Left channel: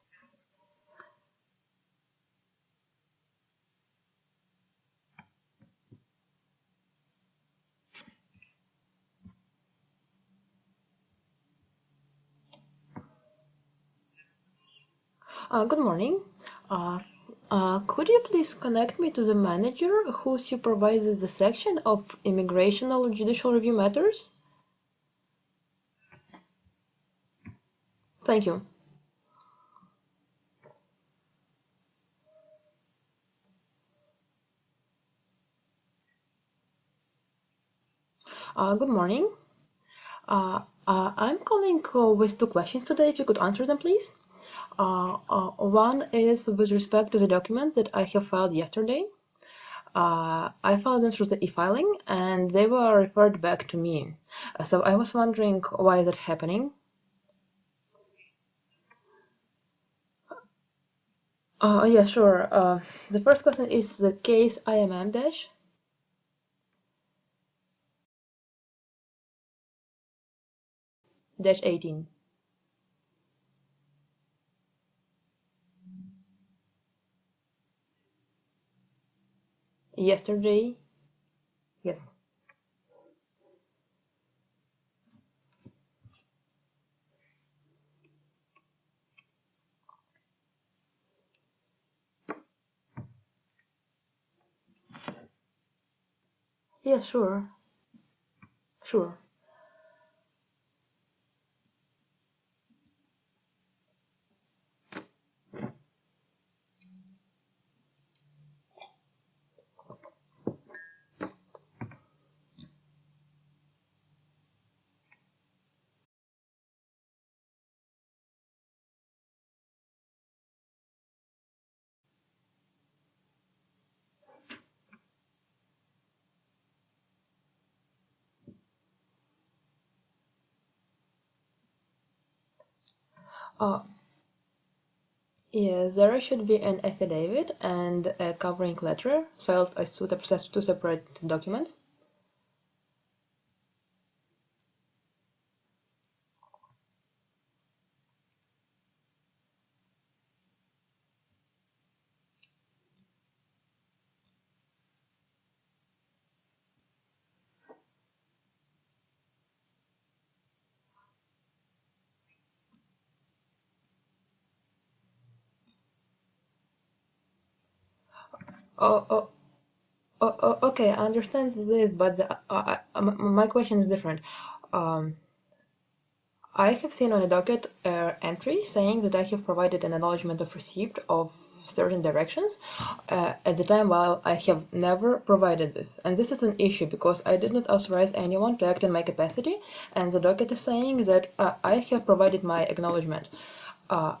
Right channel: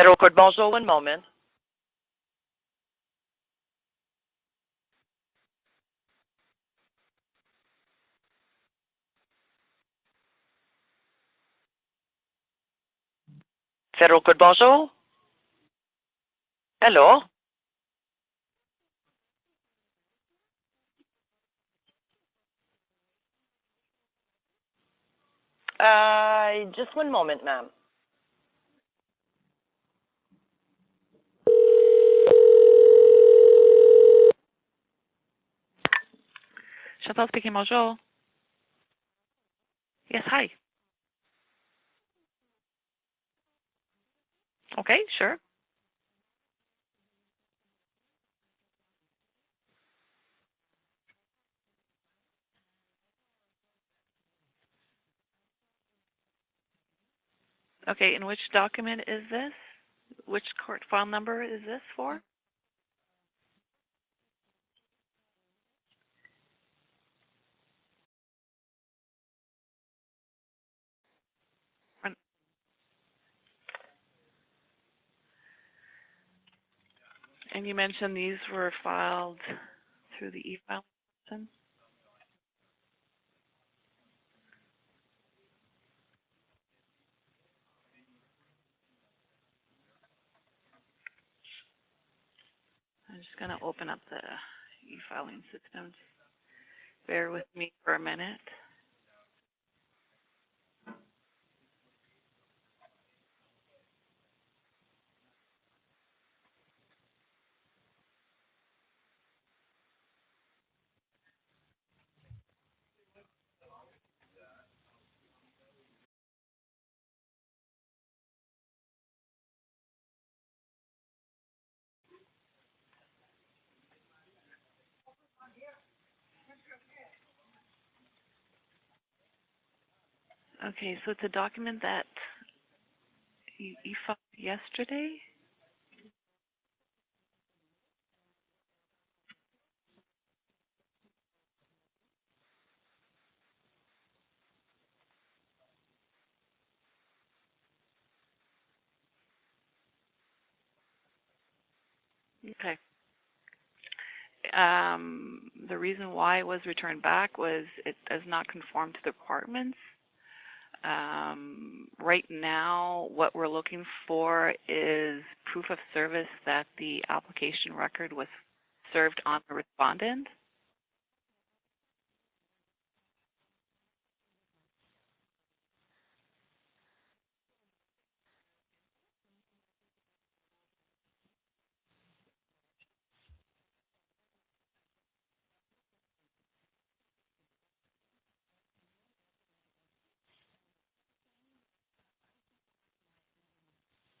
Federal Court, bonjour, one moment. Federal Court, bonjour. Good morning. Hello. Could you please connect me to the manager who supervises the section of immigration or judicial review matters? Just one moment, ma'am. Thank you. Chantal speaking, bonjour. Good morning. Yes, hi. I'm calling with two questions today, if you could answer them, please. Okay, sure. One is with respect to the documents that I have filed yesterday. I filed them through the e-filing, and they were referred back to me. So I was wondering why is it happening? Okay, and which document is this? Which court file number is this Yeah, for? sure. The first question is the case IMM dash. Dash 18. And you mentioned these were filed Yesterday. through the e-file? Yes. I'm just going to open up the e-filing system. Yes, Bear sure. with me for a minute. Sure. Okay, so it's a document that you filed yesterday? Yes, there should be an affidavit and a covering letter filed as two separate documents. Okay. The reason why it was returned back was it does not conform to the requirements. Right now, what we're looking for is proof of service that the application record was served on the respondent. Okay, I understand this, but my question is different. I have seen on a docket entry saying that I have provided an acknowledgement of receipt of certain directions at the time, while I have never provided this. And this is an issue because I did not authorize anyone to act in my capacity, and the docket is saying that I have provided my acknowledgement.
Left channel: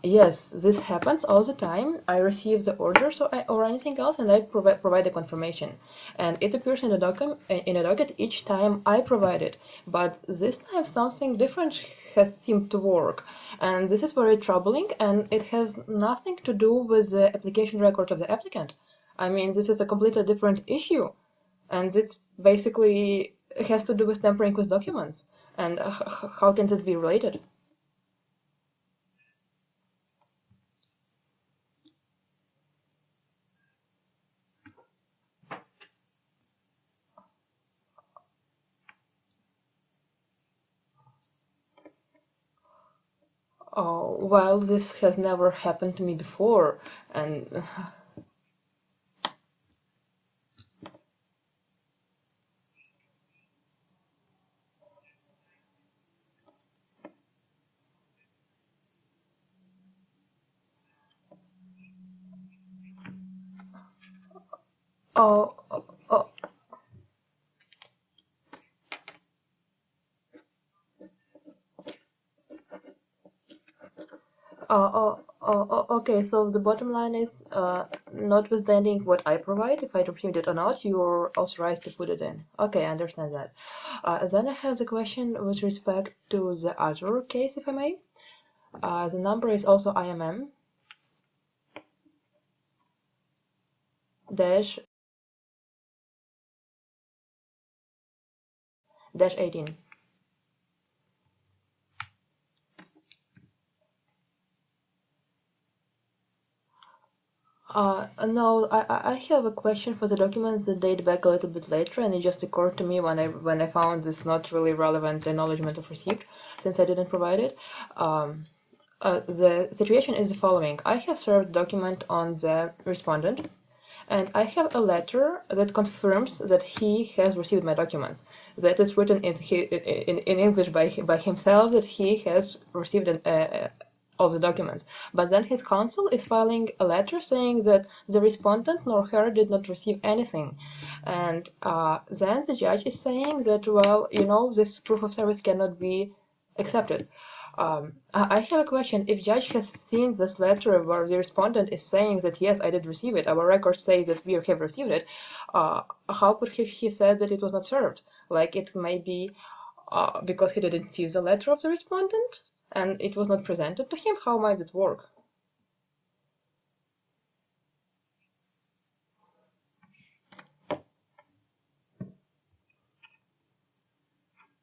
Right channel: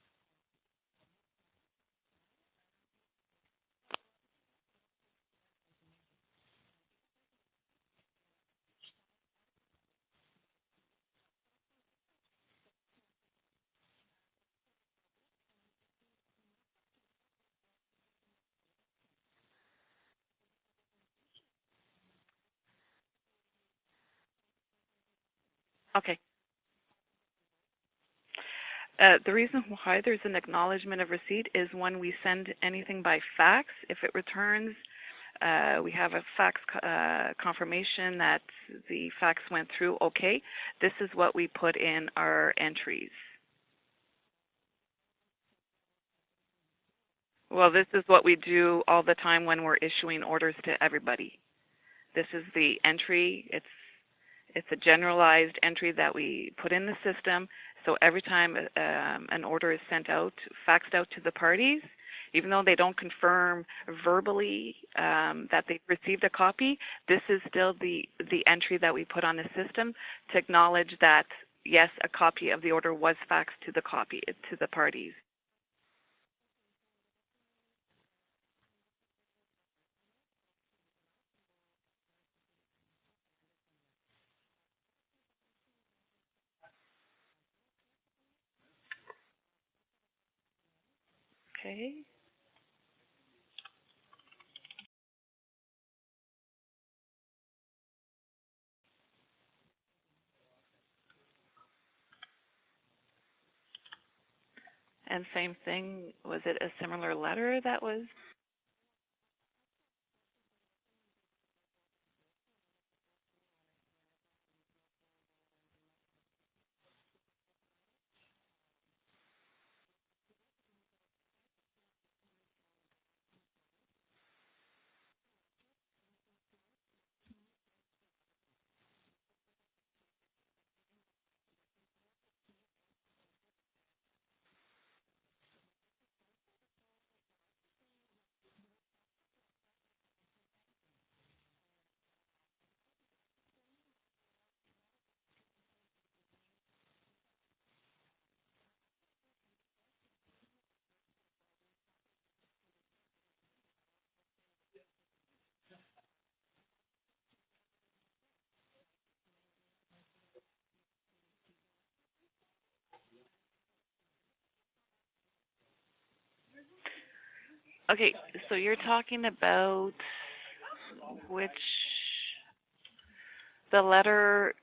Yes, this happens all the time. I receive the orders or anything else, and I provide a confirmation. And it appears in a docket each time I provide it. But this time something different has seemed to work, and this is very troubling. And it has nothing to do with the application record of the applicant. I mean, this is a completely different issue, and it basically has to do with tampering with documents. And Okay. how can this be related? The reason why there's an acknowledgement of receipt is when we send anything by fax. If it returns, we have a fax confirmation that the fax went through. Okay, this is what we put in our entries. Oh, well, this has never happened to me before, and well, this is what we do all the time when we're issuing orders to everybody. This is the entry. It's a generalized entry that we put in the system. So every time an order is sent out, faxed out to the parties, even though they don't confirm verbally that they've received a copy, this is still the entry that we put on the system to acknowledge that, yes, a copy of the order was faxed to the parties. Okay, so the bottom line is, notwithstanding what I provide, if I received it or not, you're authorized to put it in. Okay, I understand that. Then I have the question with respect to the other case, if I may. The number is also IMM. Okay. Dash 18. And same thing, was it a similar letter that was? No, I have a question for the documents that date back a little bit later, and it just occurred to me when I found this not really relevant acknowledgement of receipt, since I didn't provide it. The situation is the following. I have served document on the respondent, and I have a letter that confirms that he has received my documents. That is written in English by himself, that he has received all the documents. But then his counsel is filing a letter saying that the respondent nor her did not receive anything. And then the judge is saying that, well, this proof of service cannot be accepted. I have a question. If judge has seen this letter where the respondent is saying that yes, I did receive it, our records say that we have received it, how could he say that it was not served? Like, it may be because he didn't see the letter of the respondent and it was not presented to him. How might it work? Okay, so you're talking about the letter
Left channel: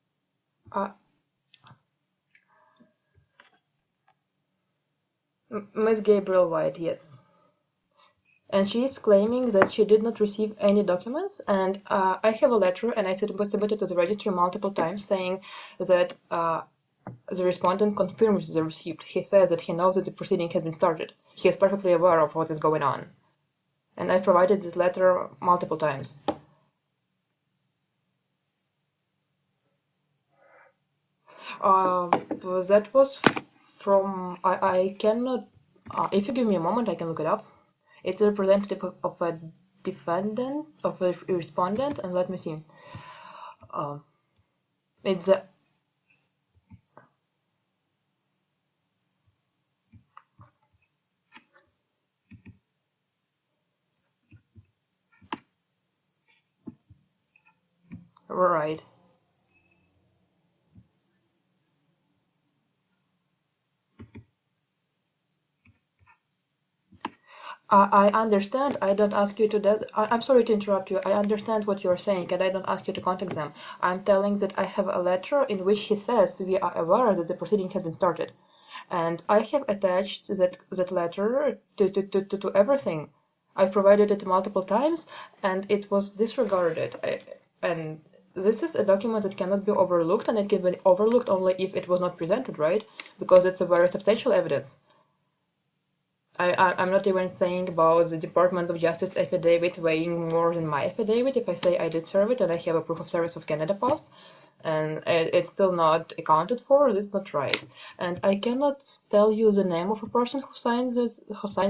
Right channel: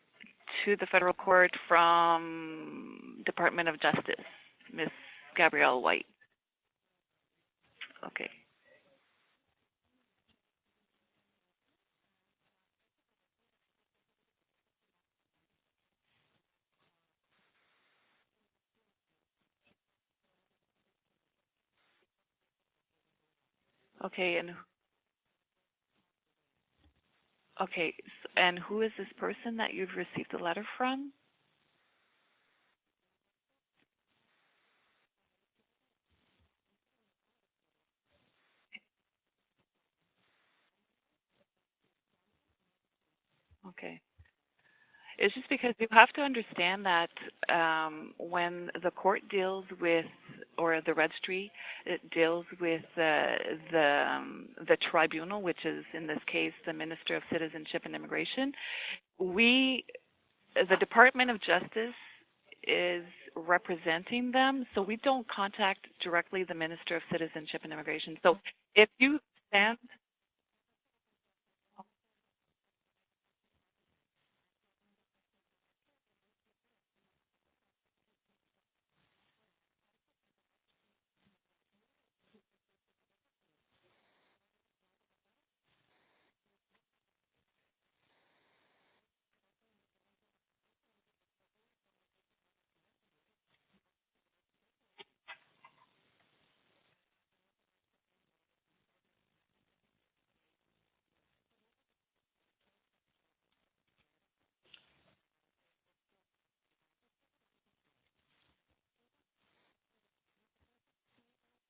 to the federal court from Department of Justice, Miss Gabrielle Ms. White. Gabrielle White, yes. Okay. And she is claiming that she did not receive any documents, and I have a letter, and I submitted to the registry multiple times saying that the respondent confirms the receipt. He says that he knows that the proceeding has been started. He is perfectly aware of what is going on. And Okay. I provided this letter multiple times. Okay, and who is this person that you've received a letter from? That was from, I cannot, if you give me a moment, I can look it up. It's a representative of a defendant, of a respondent, and let me see. Okay. It's just because you have to understand that when the court deals with, or the registry, it deals with the tribunal, which is in this case the Minister of Citizenship and Immigration. Right. The Department of Justice is representing them, so we don't contact directly the Minister of Citizenship and Immigration. I understand. So I don't ask you to that. I'm sorry to interrupt you. I understand what you're saying, and I don't ask you to contact them. I'm telling that I have a letter in which he says we are aware that the proceeding has been started, and I have attached that letter to everything. I provided it multiple times, and it was disregarded. And this is a document that cannot be overlooked, and it can be overlooked only if it was not presented, right? Because it's a very substantial evidence. I'm not even saying about the Department of Justice affidavit weighing more than my affidavit. If I say I did serve it and I have a proof of service of Canada Post, and it's still not accounted for, it's not right. And I cannot tell you the name of a person who signed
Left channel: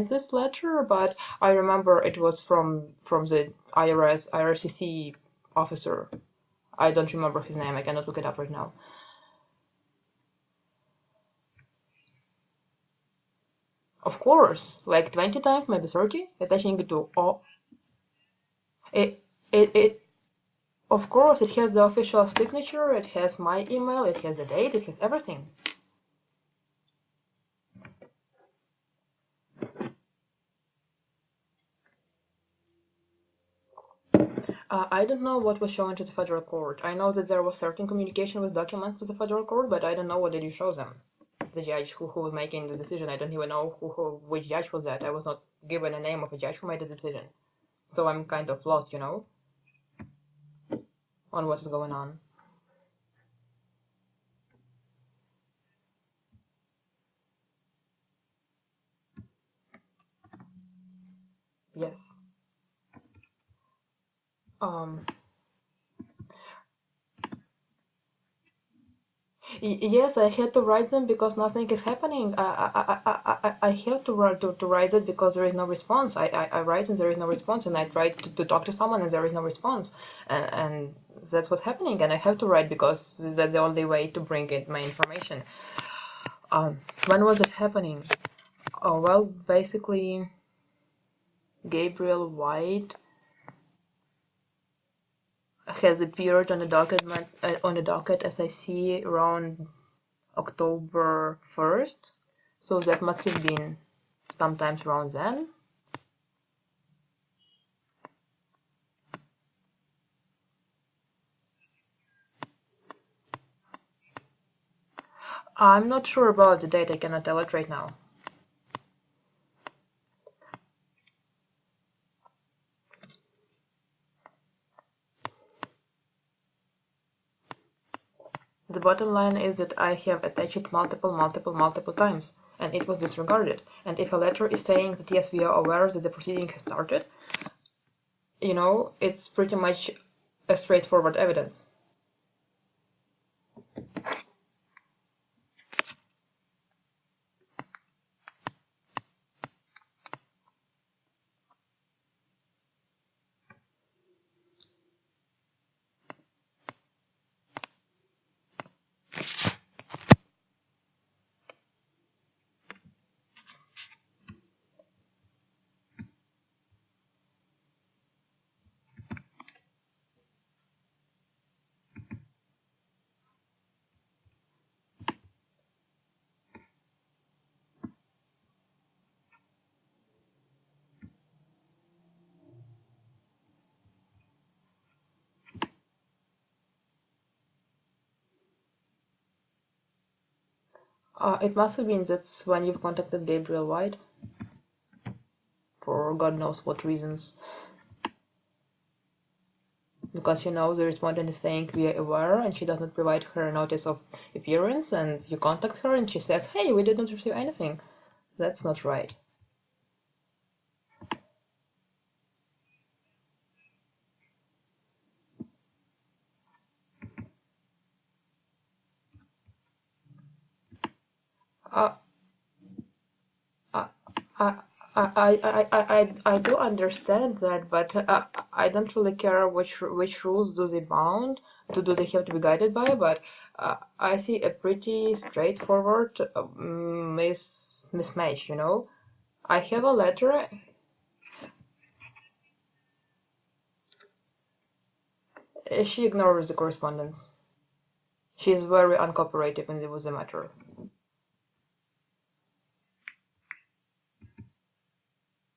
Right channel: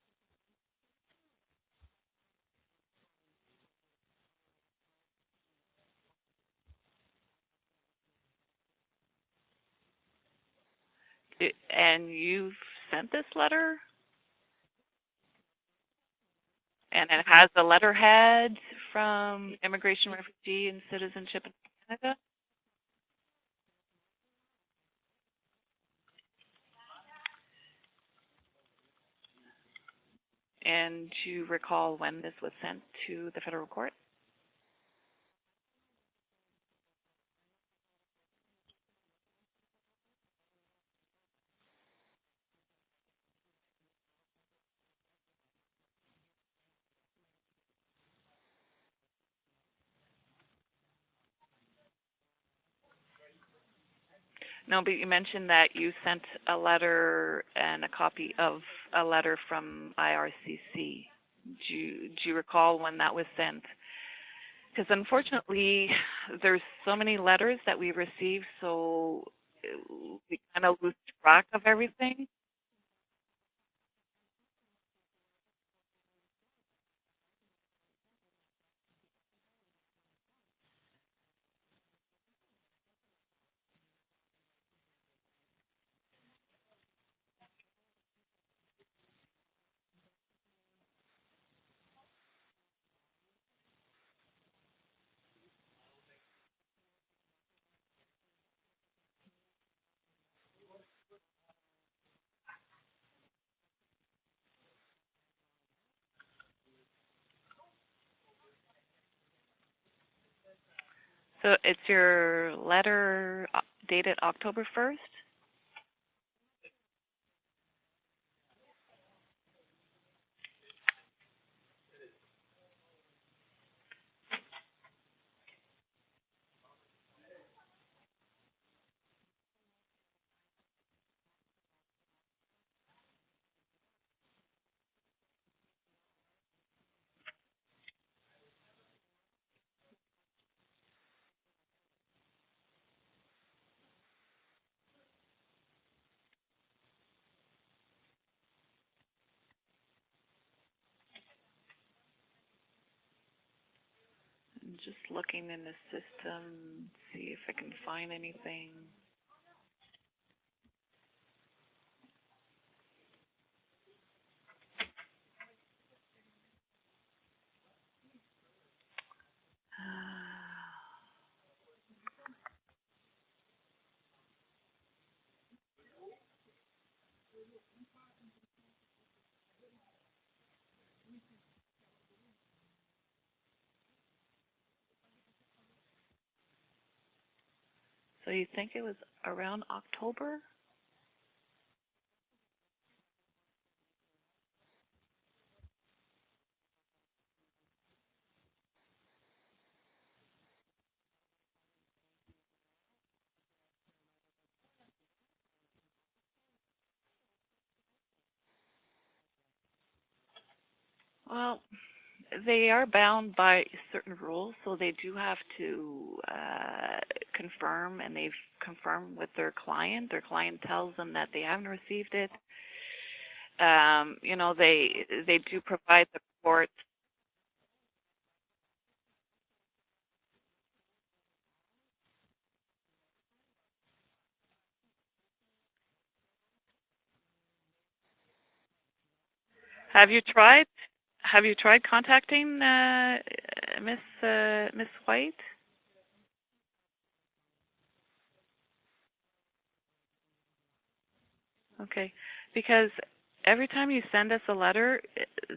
this letter, but I remember it was from the IRCC officer. I don't remember his name. I cannot look it up right now. And you've sent this letter? Of course, like 20 times, maybe 30, attaching it to. And it has a letterhead from Immigration, Refugee, and Citizenship. Of course, it has the official signature, it has my email, it has a date, it has everything. And do you recall when this was sent to the federal court? I don't know what was shown to the federal court. I know that there was certain communication with documents to the federal court, but I don't know what did you show them. The judge who was making the decision, I don't even know which judge was that. I was not given a name of a judge who made the decision. So I'm kind of lost, on what is going on. No, but you mentioned that you sent a letter and a copy of a letter from IRCC. Yes. Do you recall when that was sent? Because unfortunately, there's so many letters that we receive, so... Yes, I had to write them because nothing is happening. I have to write it because there is no response. I write and there is no response, and I try to talk to someone and there is no response. And that's what's happening, and I have to write because that's the only way to bring in my information. When was it happening? Oh, well, basically, Gabrielle White has appeared on the docket as I see around October 1st, so that must have been sometimes around then. So it's your letter dated October 1st? I'm not sure about the date, I cannot tell it right now. the bottom line is that I have attached it multiple times, and it was disregarded. And if a letter is saying that yes, we are aware that the proceeding has started, you know, it's pretty much a straightforward evidence. I'm just looking in the system, see if I can find anything. So you think it was around October? It must have been that's when you've contacted Gabriel White, for God knows what reasons. Because you know the respondent is saying we are aware, and she does not provide her notice of appearance, and you contact her and she says, hey, we did not receive anything. That's not right. Well, they are bound by certain rules, so they do have to confirm, and they've confirmed with their client. Their client tells them that they haven't received it. You know, they do provide I do support. understand that, but I don't really care which rules do they bound to, do they have to be guided by, but I see a pretty straightforward mismatch, you know. I have a Have you letter. tried contacting Miss White? She ignores the correspondence. She is very uncooperative in the matter. Okay, because every time you send us a letter,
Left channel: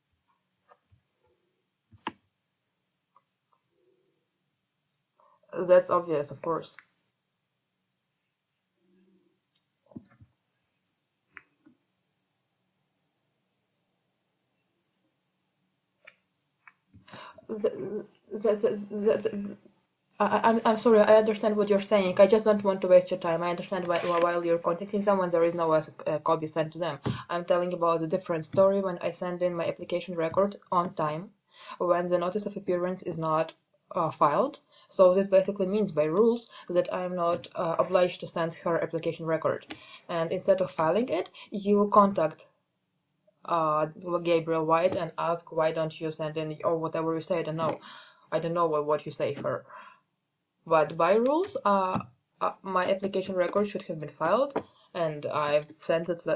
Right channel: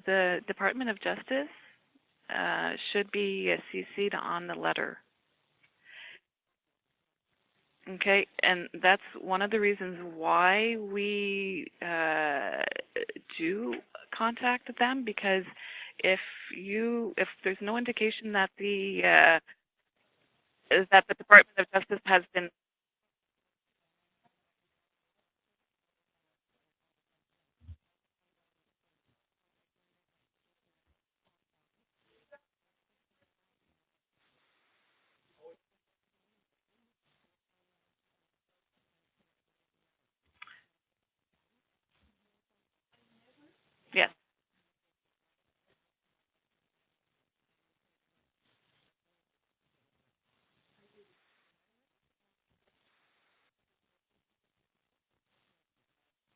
the Department of Justice should be CC'd on the letter. That's obvious, of course. Okay, and that's one of the reasons why we do contact them, because if there's no indication that I'm sorry, I understand Department of what you're Justice saying. has I just been. don't want to waste your time. I understand while you're contacting someone, there is no copy sent to them. I'm telling about a different story when I send in my application record on time, when the notice of appearance is not filed. So this basically means by rules that I'm not obliged to send her application record. And instead of filing it, you contact Yeah. Gabriel White and ask why don't you send in or whatever you say. I don't know what you say her. But by rules, my application record should have been filed, and I've sent that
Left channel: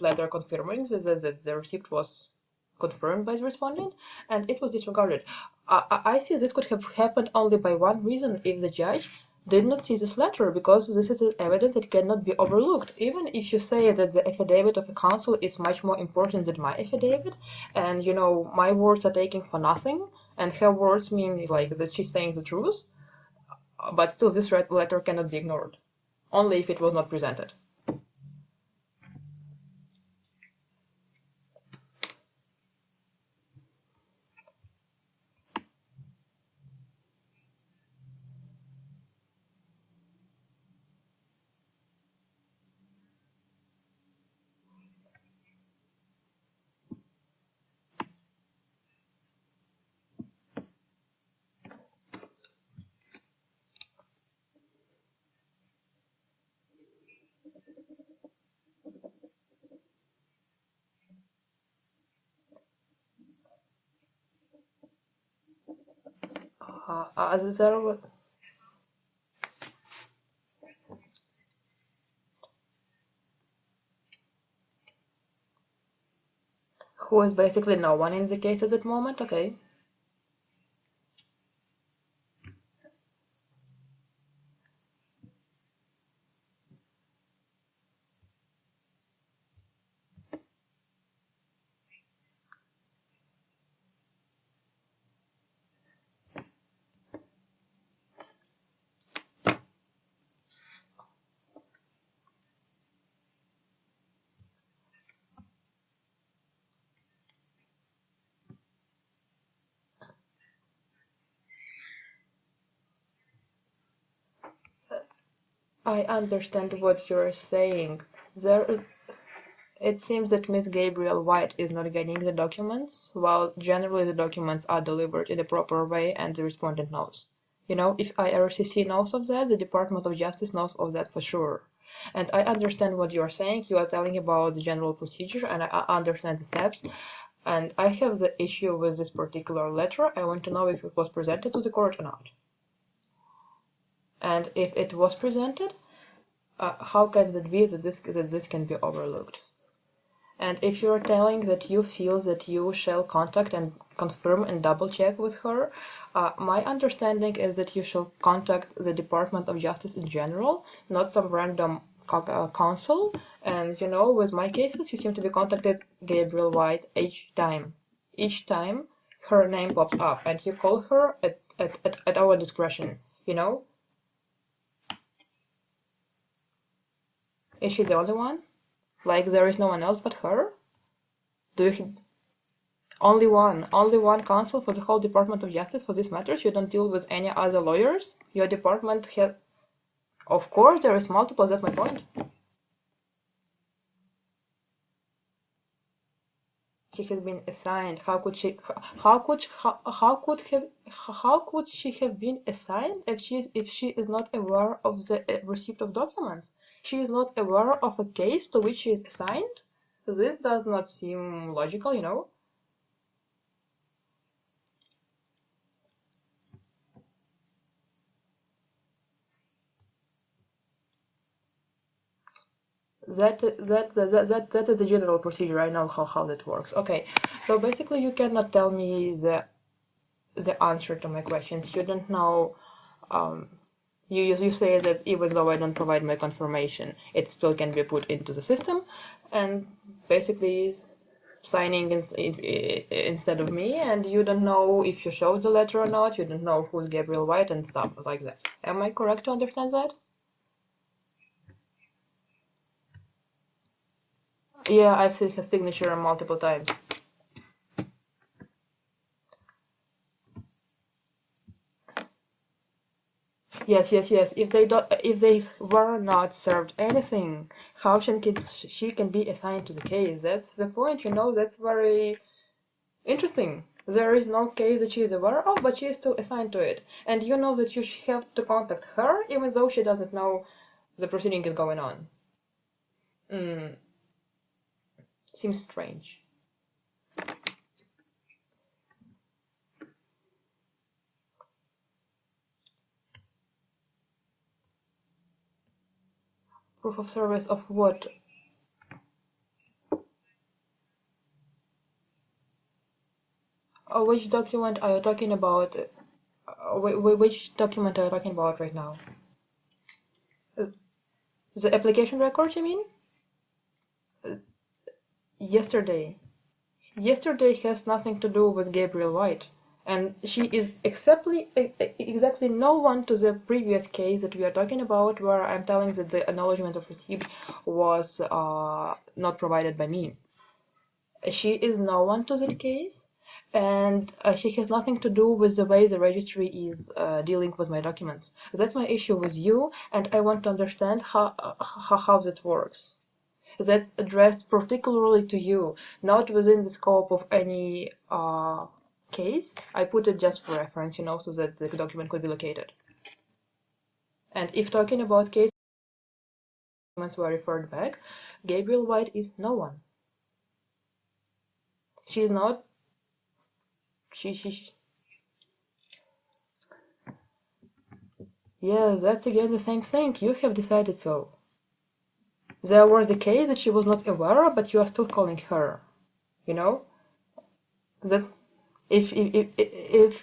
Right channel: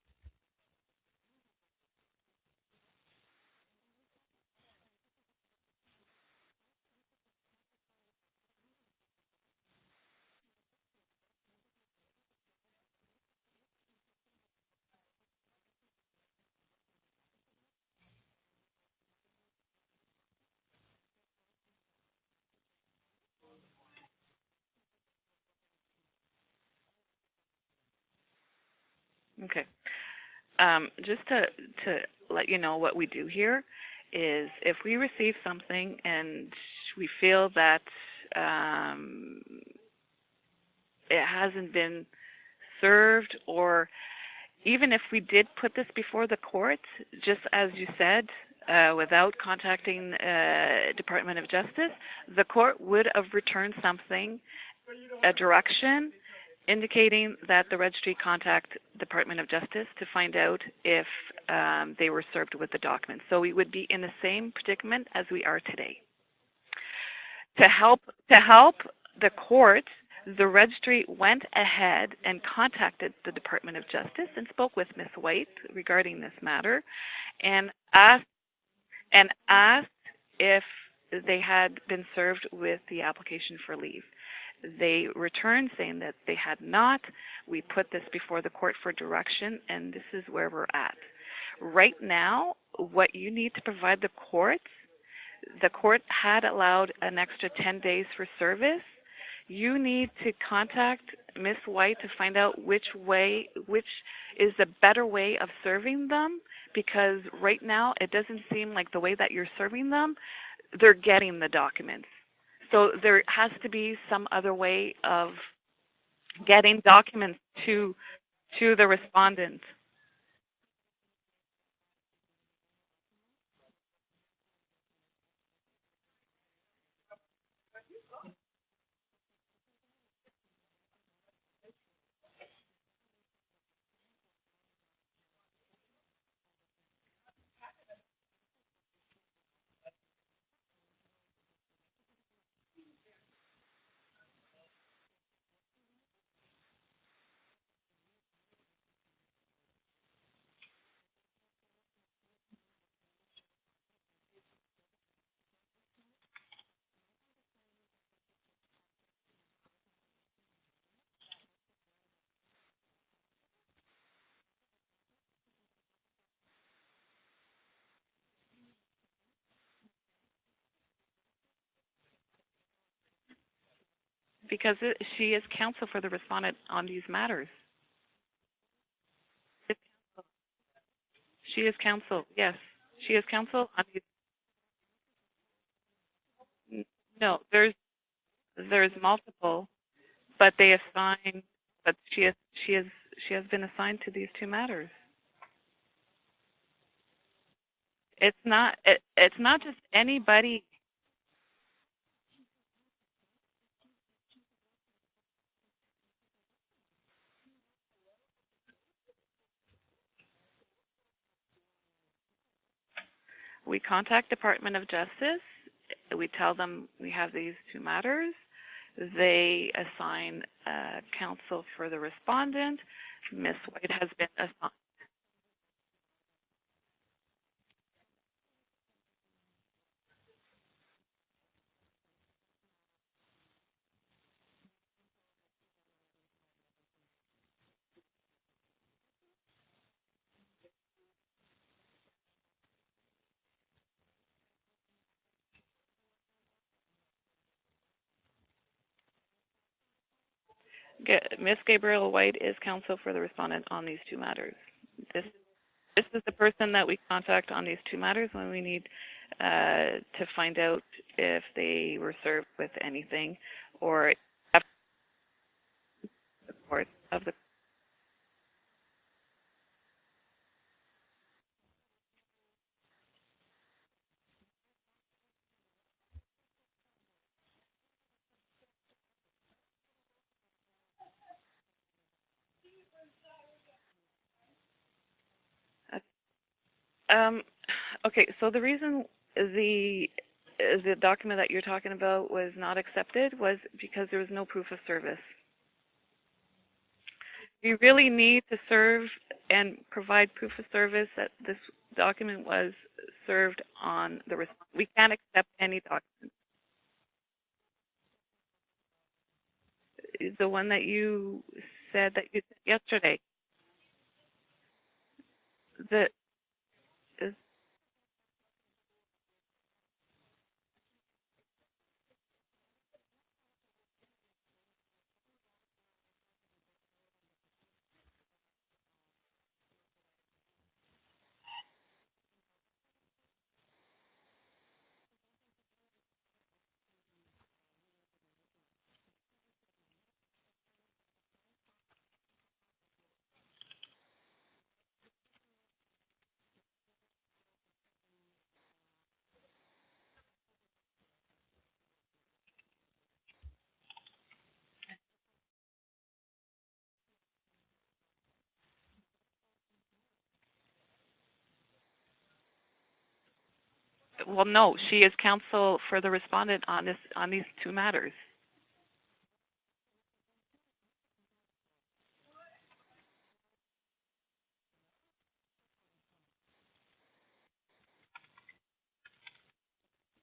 letter confirming that the receipt was confirmed by the respondent, and it was disregarded. I see this could have happened only by one reason: if the judge did not see this letter, because this is evidence that cannot be overlooked. Even if you say that the affidavit of a counsel is much more important than my affidavit, and you know my words are taken for nothing, and her words mean like that she's saying the truth, but still this letter cannot be ignored, only if it was not presented. Okay. Just to let you know what we do here is if we receive something and we feel that it hasn't been served, or even if we did put this before the court, just as you said, without contacting Department of Justice, the court would have returned something, a direction, indicating that the registry contact Department of Justice to find out if they were served with the documents. So we would be in the same predicament as we are today. To help the courts, the registry went ahead and contacted the Department of Justice and spoke with Ms. White regarding this matter. Who is basically no one in the case at that moment. And okay. Asked if they had been served with the application for leave. They returned saying that they had not. We put this before the court for direction, and this is where we're at. Right now, what you need to provide the court had allowed an extra 10 days for service. You need to contact Ms. White to find out which is the better way of serving them, because right now it doesn't seem like the way that you're serving them, they're getting the documents. So there has to be some other way of I understand getting what you're documents saying. to the respondent. It seems that Miss Gabriel White is not getting the documents, while generally the documents are delivered in a proper way and the respondent knows. You know, if IRCC knows of that, the Department of Justice knows of that for sure. And I understand what you are saying. You are telling about the general procedure, and I understand the steps. And I have the issue with this particular letter. I want to know if it was presented to the court or not. And if it was presented, how can it be that this can be overlooked? And if you're telling that you feel that you shall contact and confirm and double check with her, my understanding is that you shall contact the Department of Justice in general, not some random counsel. And you know, with my cases, you seem to be contacted Gabriel White each time. Each time her name pops up, and you call her at our discretion, you know? Because she is counsel for the respondent on these matters. Is she the only one? Like there is no one else but her? She is counsel, yes. Only one counsel for the whole Department of Justice for these matters? You don't deal with any other lawyers? Your department there's multiple. Of course there is multiple, that's my point. But she has been assigned to these two matters. She has been assigned. How could she? How could she have been assigned if she is not aware of the receipt of documents? She is not aware of a case to which she is assigned. This does not seem logical, you know. We contact Department of Justice. We tell them we have these two matters. They assign counsel for the respondent. That is the general procedure. I know how that works. Okay, so basically you cannot tell me the answer to my questions. You don't know. You say that even though I don't provide my confirmation, it still can be put into the system, and basically signing instead of me, and you don't know if you showed the letter or not, you don't know who's Gabriel White and stuff like that. Am I correct to understand that? Miss Gabriel White is counsel for the respondent on these two matters. Yeah, I've seen her signature multiple times. This is the person that we contact on these two matters when we need to find out if they were served with anything. Yes. If they were not served anything, how she can be assigned to the case? That's the point, you know. That's very interesting. There is no case that she is aware of, but she is still assigned to it. And you know that you have to contact her, even though she doesn't know the proceeding is going on. Seems strange. Okay, so the reason the document that you're talking about was not accepted was because there was no proof of service. Proof of service of what? You really need to serve and provide proof of service that this document was served on. Which document are you talking about? Which document are you talking about right now? The one that you... The application record, you mean? Yesterday. Yesterday has nothing to do with Gabriel White. And she is exactly no one to the previous case that we are talking about, where I'm telling that the acknowledgement of receipt was not provided by me. She is no one to that case, and she has nothing to do with the way the registry is dealing with my documents. That's my issue with you, and I want to understand how that works. That's addressed particularly to you, not within the scope of any case. I put it just for reference, you know, so that the document could be located. And if talking about cases documents were referred back, Gabriel White is no one. She is not. No, she is counsel for the respondent on these two matters. Yeah, that's again the same thing. You have decided so. There was a case that she was not aware of, but you are still calling her. You know? That's if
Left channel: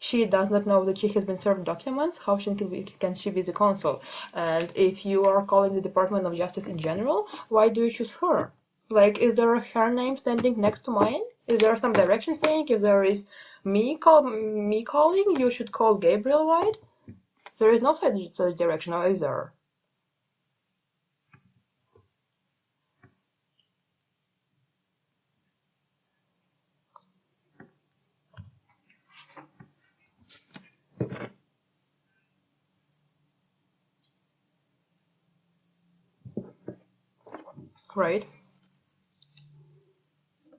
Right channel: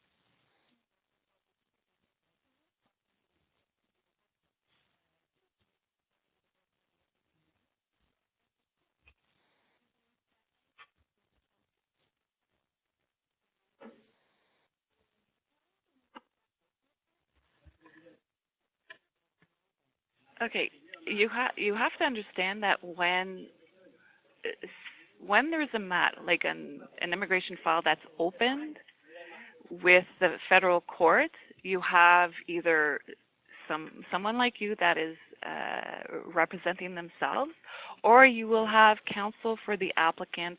she does not know that she has been served documents, how can she be the counsel? And if you are calling the Department of Justice in general, why do you choose her? Like, is there her name standing next to mine? Is there some direction saying if there is me calling, you should call Gabriel White? There is no such direction, or is there? Okay, you have to understand that when there's like an immigration file that's opened with the federal court, you have either someone like you that is representing themselves, Right. or you will have counsel for the applicant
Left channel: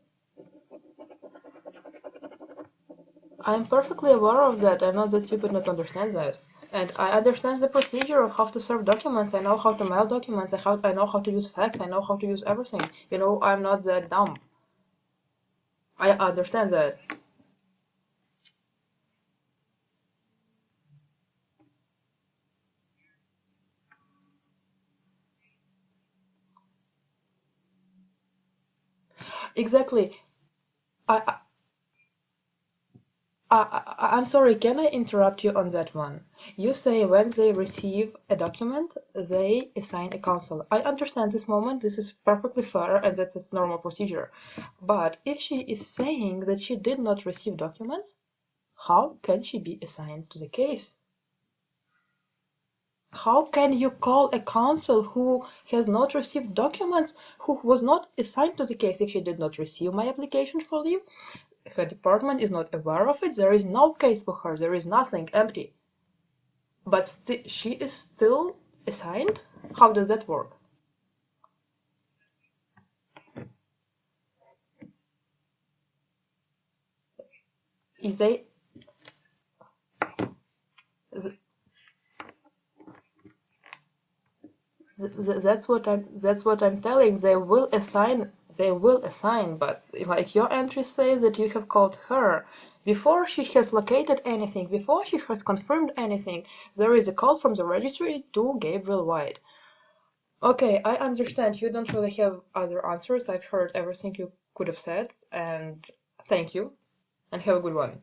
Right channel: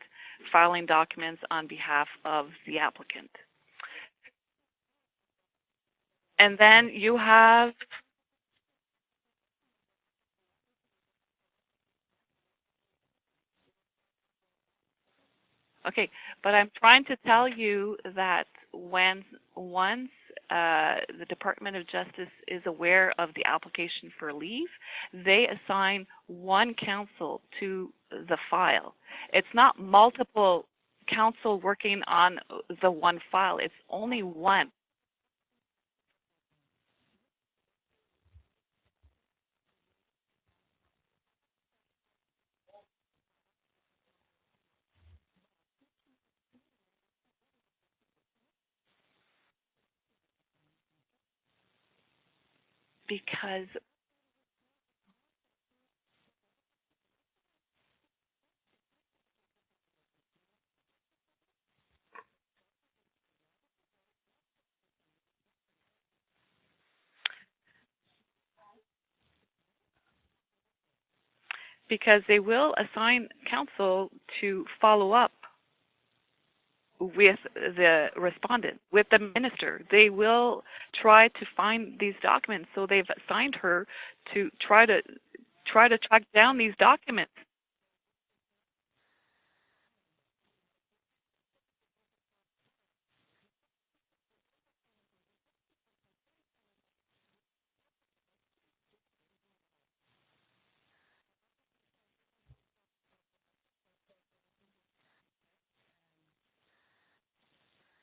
filing documents on behalf of the applicant. I'm perfectly aware of that. I know that you could not understand that. And then Like, I you understand the have, procedure of how to serve documents. I know how to mail documents. I know how to use fax. I know how to use everything. You know, I'm not that dumb. okay, I but I'm understand that. trying to tell you that once the Department of Justice is aware of the application for leave, they assign one counsel to the file. It's not Exactly. multiple I, counsel working on the one file. It's only I'm sorry, one. can I interrupt you on that one? You say when they receive a document, they assign a counsel. I understand this moment, this is perfectly fair, and that's a normal procedure. But if she is saying that she did not receive documents, how can she be assigned to the case? How Because can you call a counsel who has not received documents, who was not assigned to the case if she did not receive my application for leave? Her department is not aware of it, there is no case for her, there is nothing, empty. But she is still assigned? How does that work? because they will assign counsel to follow up with the respondent, with the minister. They will try to find these documents, so they've assigned her to try to track down these documents. They will assign, but like your entry says that you have called her. Before she has located anything, before she has confirmed anything, there is a call from the registry to Gabriel White. Okay, I understand you don't really have other answers. I've heard everything you could have said, and thank you, and have a good one.